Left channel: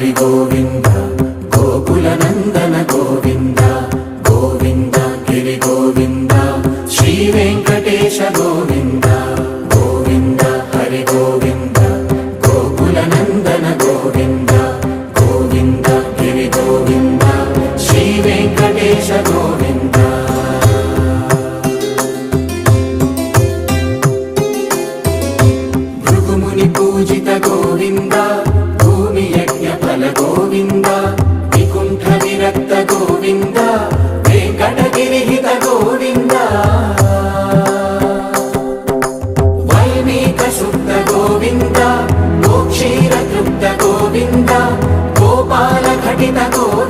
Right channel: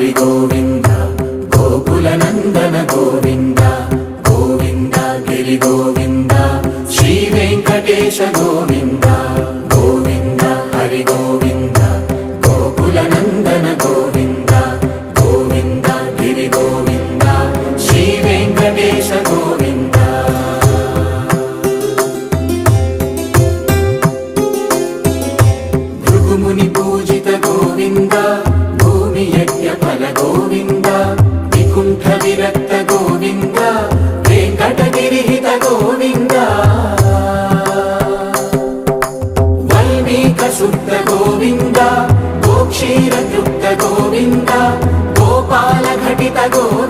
హరి గోవింద గోకుల నందన గోవింద గోవింద గిరి గోవింద శ్రీ వెంకటేశ గోవింద గోవింద హరి గోవింద గోకుల నందన గోవింద గోవింద గిరి గోవింద శ్రీ వెంకటేశ గోవింద భృగుముని పూజిత గోవింద భూమి యజ్ఞ ఫల గోవింద వికుంఠ విరక్త గోవింద వెంకటగిరిహిత గోవింద వైదిక శుద్ధ గోవింద గోక్షీర తృప్త గోవింద గోపాల ఘటిత గోవింద